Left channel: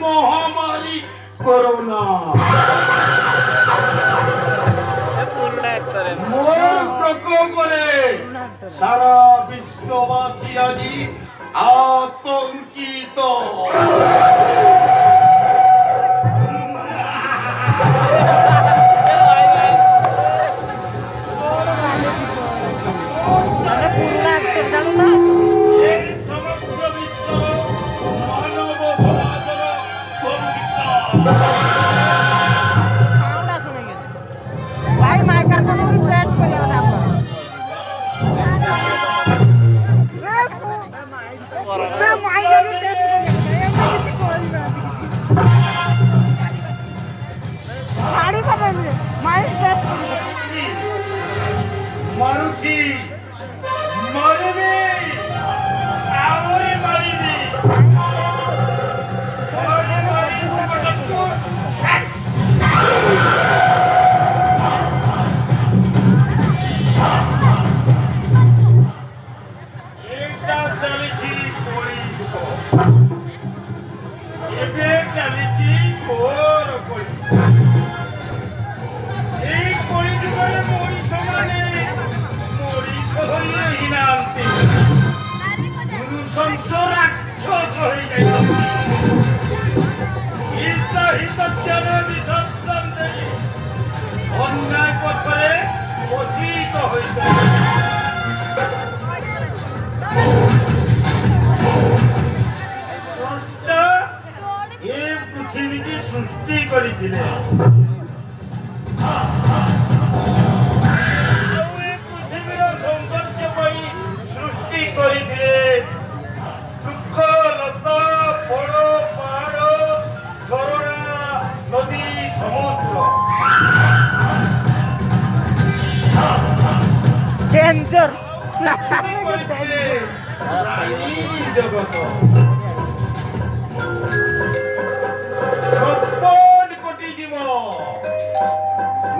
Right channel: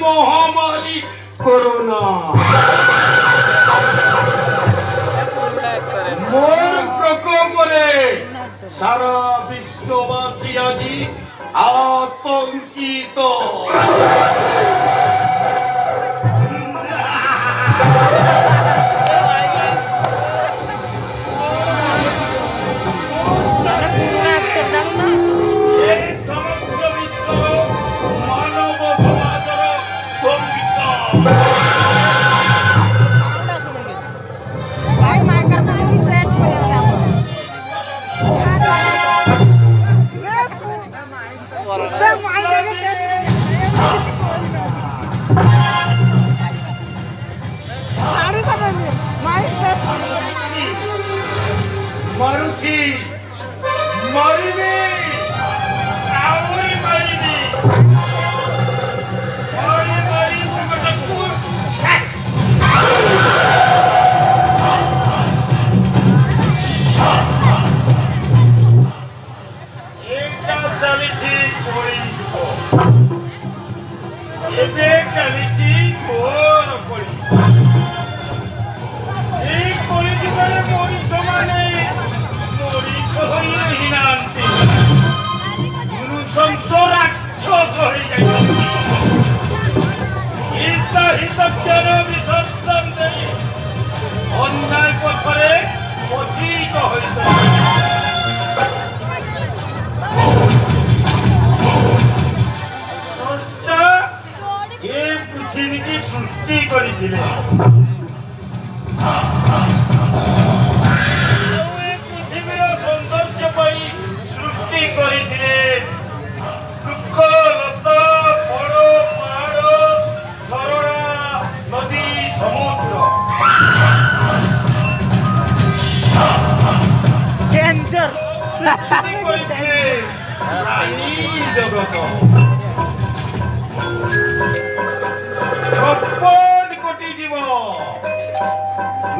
महामारी कोरोना मोर प्रकोपरे सारा विश्ववासी আজি आतंकित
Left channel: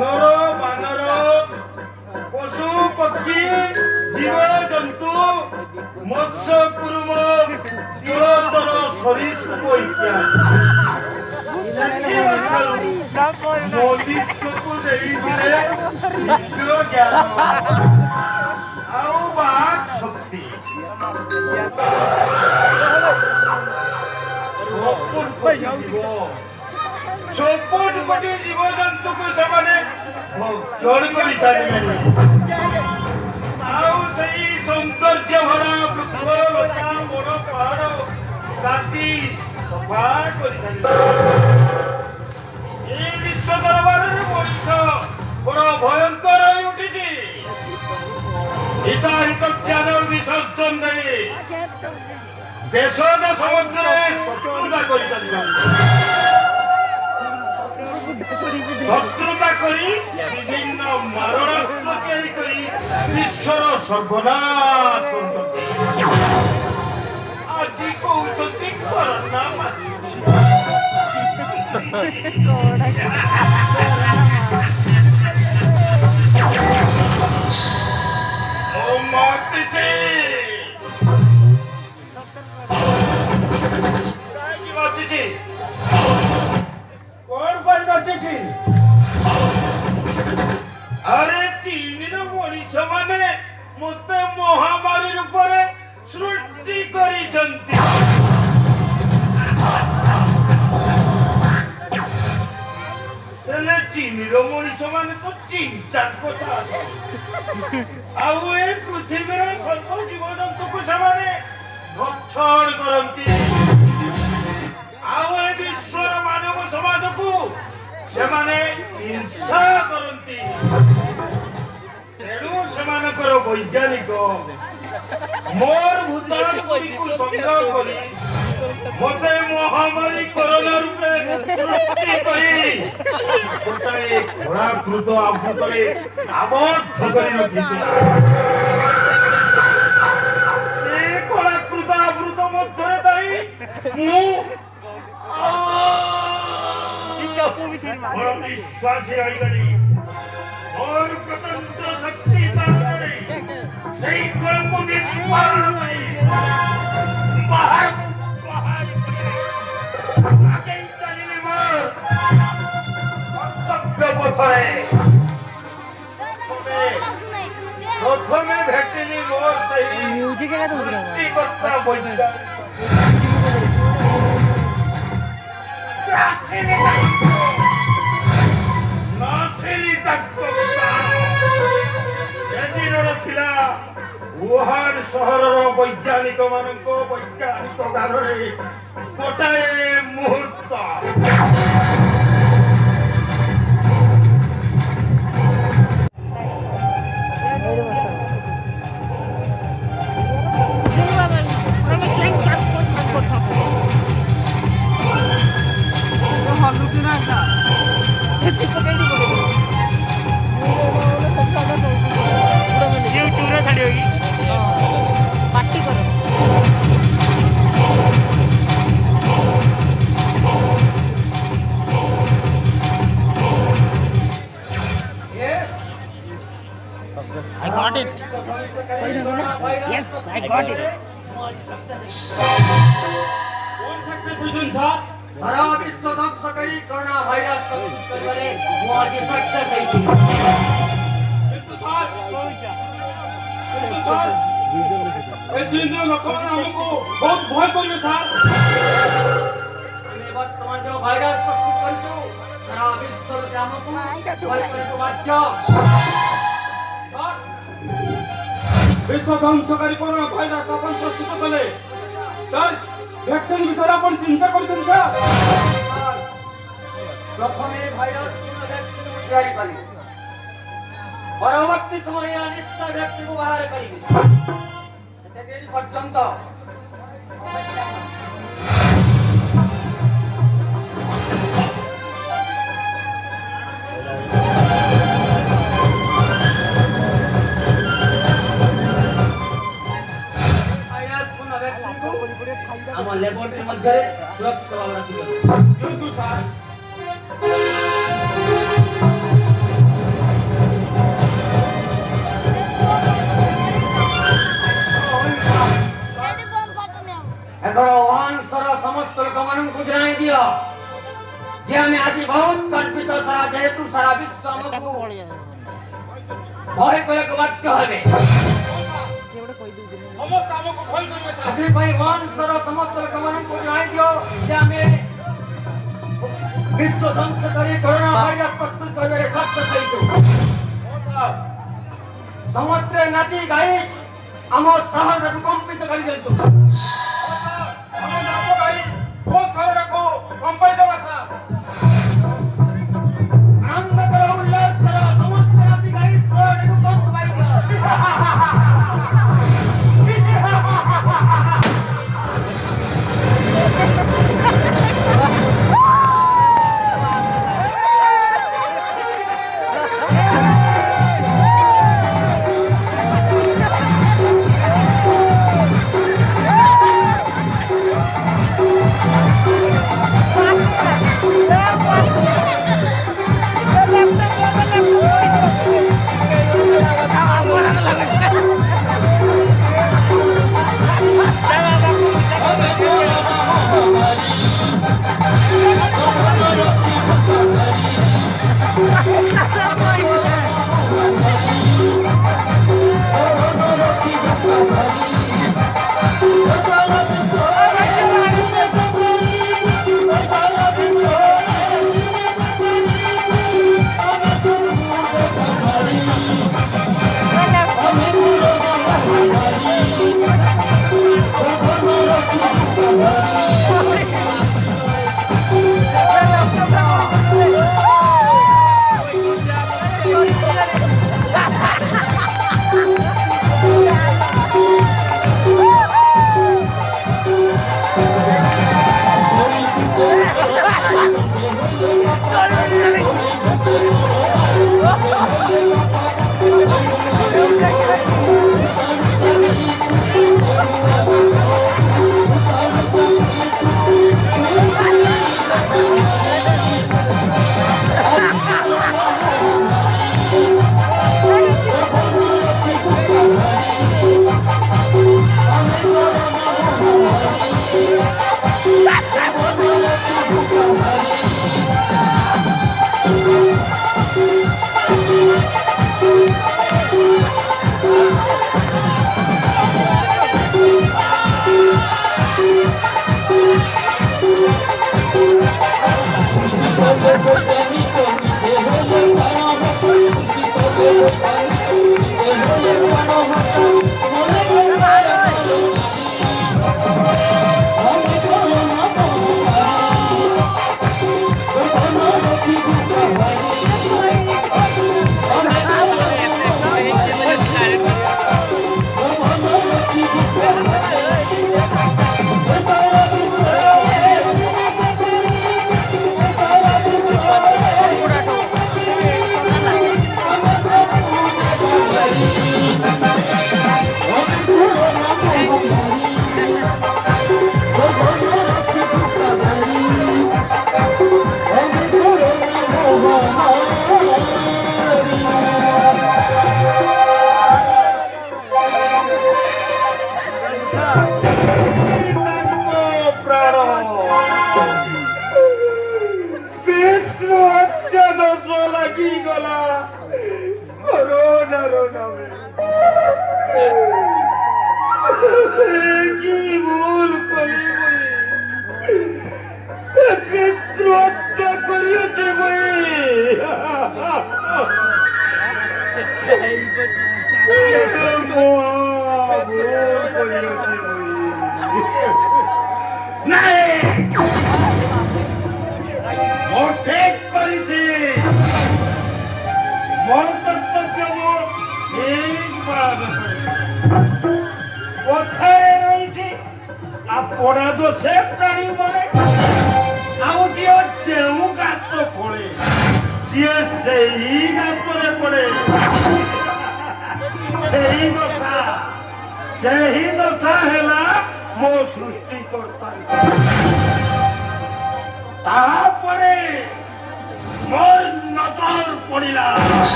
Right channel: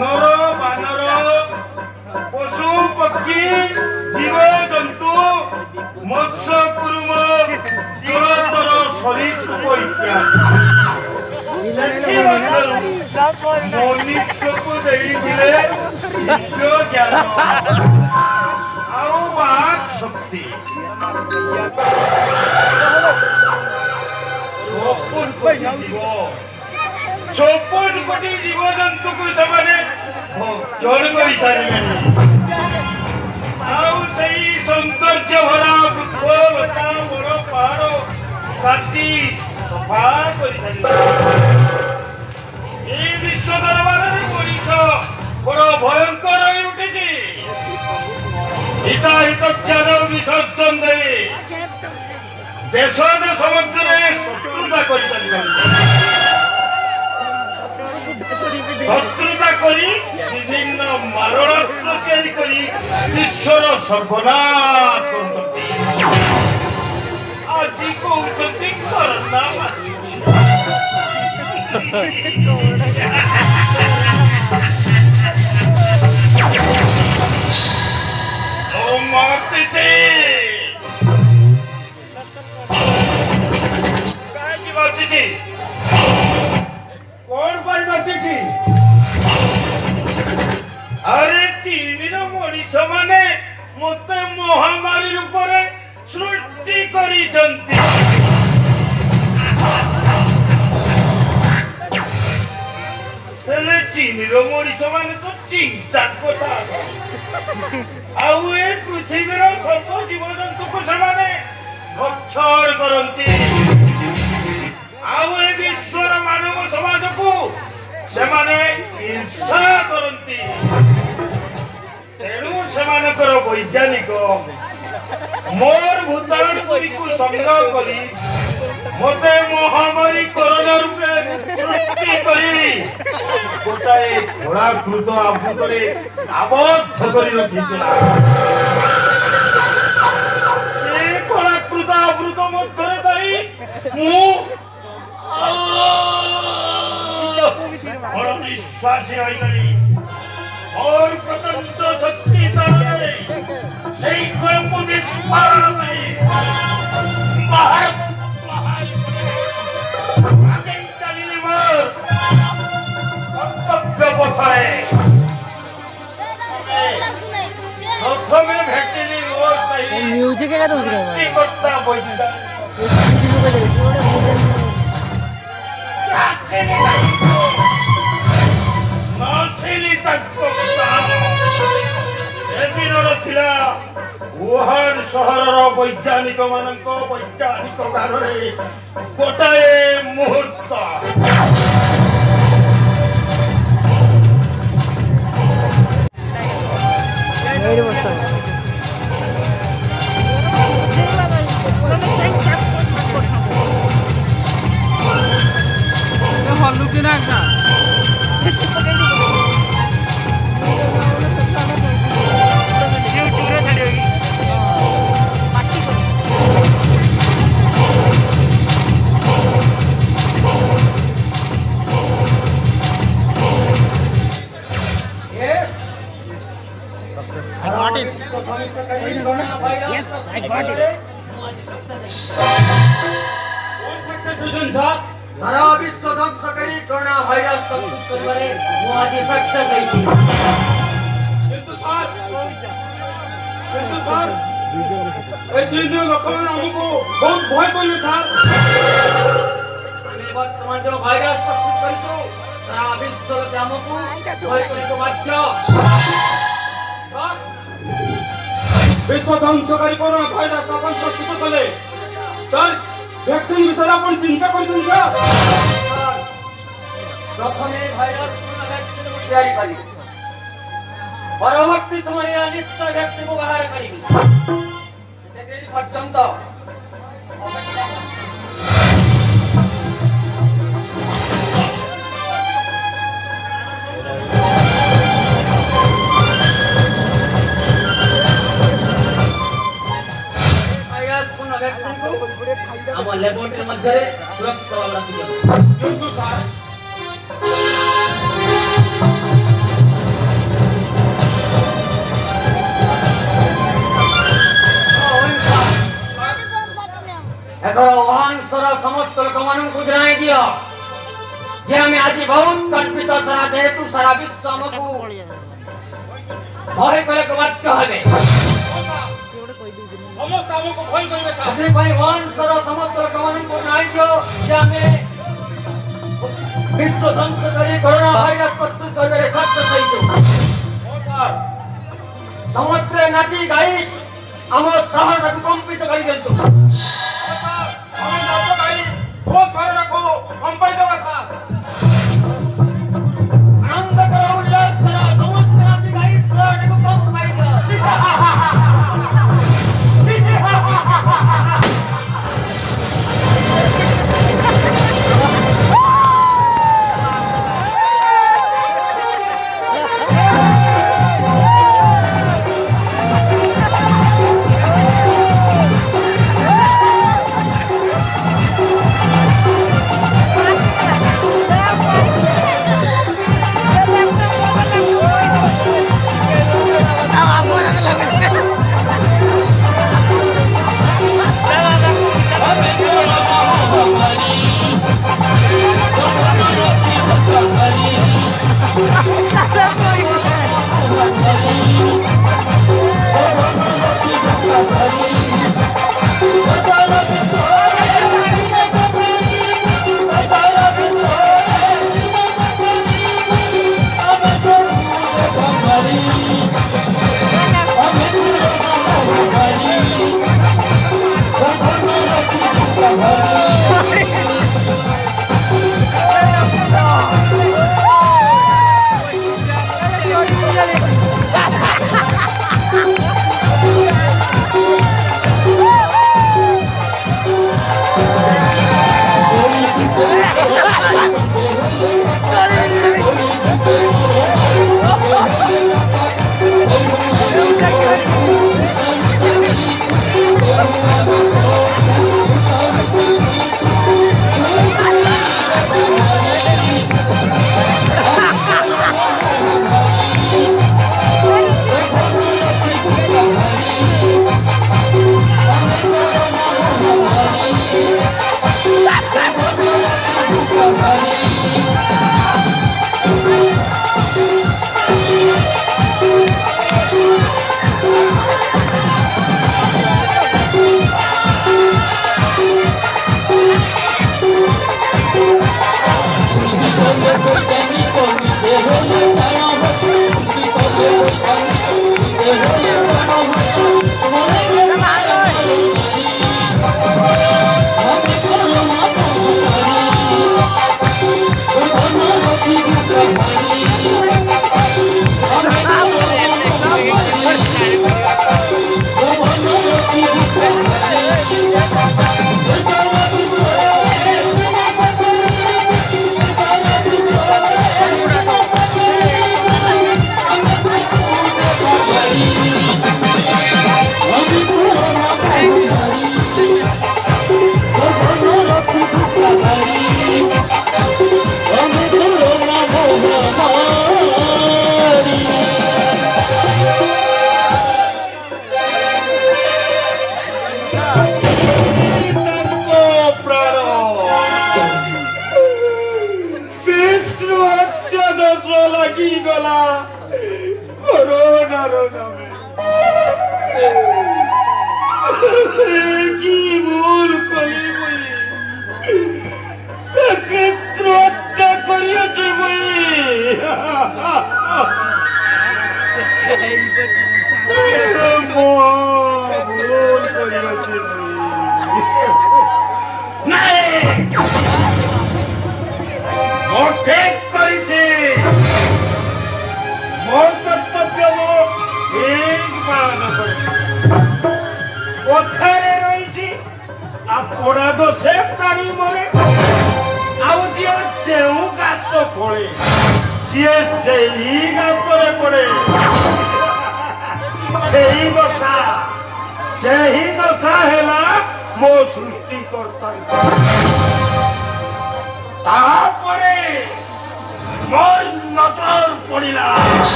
ନର ବାନର ପଶୁ ପକ୍ଷୀ ଜୀବ ଜନ୍ତୁ ମତ୍ସ୍ୟ କୁରୁମ ଜଳଚର ସରୀସୃପ ଇତ୍ୟାଦି ମନୁଷ୍ୟକୁ ଦେଇଥିଲେ ଦିବ୍ୟ ଜ୍ଞାନ ଆଉ ବାକ୍ ଶକ୍ତି। 56 କୋଟି ଜୀବଜନ୍ତୁକୁ ସେମାନେ ଭକ୍ଷଣ କରିସାରିଲେଣି। ଆଉ ସେଇ ସୌନ୍ଦର୍ଯ୍ୟ ଭରା ବୃକ୍ଷ ଲତା ବଡ଼ ପାହାଡ଼ କାଟି ସଫା କରିସାରିଲେଣି। এই বিশ্ব দরবারের মଣିଷ বড় ভয়ঙ্কর হয়ে উঠেছে। হিতাহিত জ্ঞান বিসর্জন দেই দেশ দেশ ମଧ୍ୟରେ ଶତ୍ରୁତା କରିଚାଲିଛନ୍ତି। ଶତ୍ରୁତା କରି ବିଭିନ୍ନ ମାରଣାସ୍ତ୍ର ତିଆରି କରି ବିଶ୍ୱର ସର୍ବନାଶ କରୁଛନ୍ତି। ଆଜି କହୁଛନ୍ତି କରୋନା कौन पर चिठी? अरे चीन मनीष माने मत महामारी रूप सृष्टि करिसंती। चीन मनीष माने तो चिंता कथा आउ ए पृथ्वीर सर्व जीव जंतु को से भक्षण करती। आउ ए विश्वर मानव समाज को से हिंसा करती। तेणु सेमानकर वैज्ञानिक मोर भूताणु को संग्रह करी मते महामारी कोरोना रूपे सृष्टि करी गोटाए घोड़ाकृत आवृतरे आबद्ध करी रखिथिला। से घोड़ाकृत आवृत मध्यरे ताई मु बड़ निश्वासी होई गली और प्रचंड शक्ति तारणे सेई को निष्पादन करी बाहर आगे चलिले मोर कर्तव्य पथरे प्रथमे भेटिली मोर सही म्यूजिक है तो करता बोलता नासेली तक वुहान सहर वैज्ञानिक मानक वैज्ञानिक गारे गोटाए मुहूर्त सारा विश्व ध्वंस करी कोरोना भाइरस प्रस्तुत करिबारे मु आज सक्सेस हेछि। किंतु सर ए चीन लोक माने हमको बहुत भय करिवे सर। आमे वर्तमान जो भाइरस प्रस्तुत करितो सारा विश्व के हमको भय करे तो बाध्य। विश्व ध्वंसकारी कोरोना भाइरस अपन प्रस्तुत कले सर वैक्सीन विषय अपन चिंता करछन सर। प्रथमे भाइरस पूर्ण वैक्सीन तैयारी करी परवर्ती समय निश्चय वैक्सीन को बाहर करिबी सेते पर्यंत हम लैबोरेटरी मध्ये सुरक्षित रखिबो। किंतु सर एकर वंशर समस्त लोकମାନଙ୍କୁ ଜଣାଇ ଦିଅ ଯେ ଆମେ ଆଜି ବହୁତ ଗର୍ବିତ ସାରା ଯେହେତୁ ସାରା ବିଶ୍ୱ ଆମକୁ ଭୟ କରିବାକୁ ବାଧ୍ୟ ହେବେ ସମସ୍ତେ ଆମକୁ ଭୟ କରିବେ ସାର୍। ସେଥିପାଇଁ ବଂଶର ସମସ୍ତ ଲୋକମାନଙ୍କୁ ଜଣାଇ ଦିଅ ଯେ ଆମେ ବିଶ୍ୱ ଧ୍ୱଂସ କରି କରୋନା ଭାଇରସ ପ୍ରସ୍ତୁତ କରିବାରେ ସକ୍ଷମ ହେଇଛୁ। ହଁ ସାର୍। ସମସ୍ତେ ନାଚି ଗାଇ ଆମ ସହରକୁ କମ୍ପିତ କରିଦିଅନ୍ତୁ। ହଁ ସାର୍। ଆମେ ନାଚ ଗାଇ ବହୁତ ସହରକୁ କମ୍ପାଇ ଦେବା ସାର୍। ଆନନ୍ଦ କର ଉଲ୍ଲାସ କର ସମସ୍ତେ ନାଚି ଗାଇ ସହରକୁ କମ୍ପାଇ ଦିଅ।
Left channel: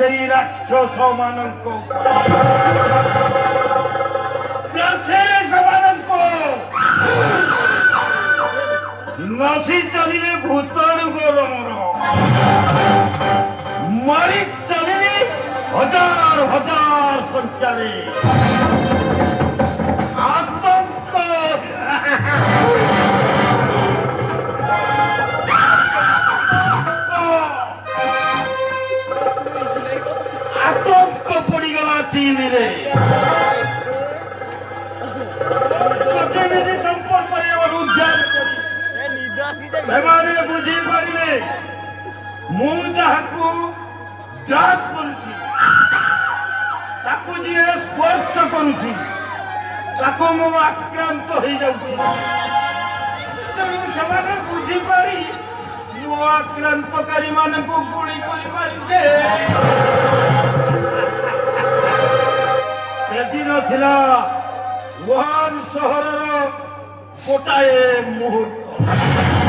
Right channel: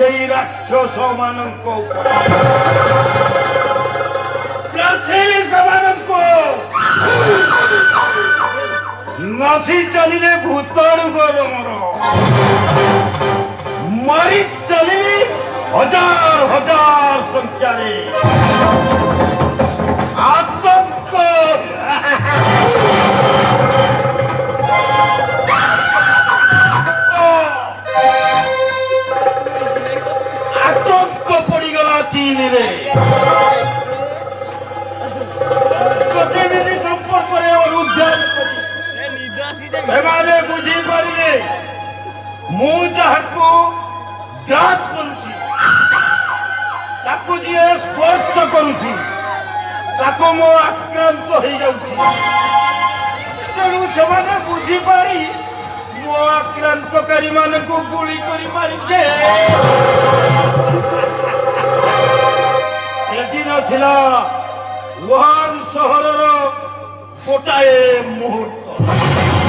ସେଇ ରାକ୍ଷସ ମାନଙ୍କ ଉପରେ ଗ୍ରାସେଲେ ସେମାନଙ୍କୁ ନସି ଚାଲିଲେ ଭୂତାଣୁ ଗରମର ମାରି ଚାଲିଲେ ହଜାର ହଜାର ସଂଖ୍ୟାରେ ଆତଙ୍କ ଆତଙ୍କ ପଡ଼ିଗଲା ଚୀନରେ ପ୍ରତିନିଧି ସମ୍ପର୍କରେ ଅନୁଧ୍ୟାନ କରି ସେମାନେ ବୁଝିପାରିଲେ ମୁଁ ଯାହାକୁ ଯାଞ୍ଚ କରୁଛି ତାକୁ ଯିଏ ସ୍ପର୍ଶ କରୁଛି ତାକୁ ମୁଁ ଆକ୍ରାନ୍ତ ହେଇଯାଉଛି ତେଣୁ ସେମାନେ ବୁଝିପାରି ମୋ ଆକ୍ରାନ୍ତକାରୀ ମାନଙ୍କୁ ଗୁଳି କରି ମାରିଛେ ସେଦିନ ଥିଲା ଉହାନ ସହରର ଗୋଟାଏ ମୁହୂର୍ତ୍ତ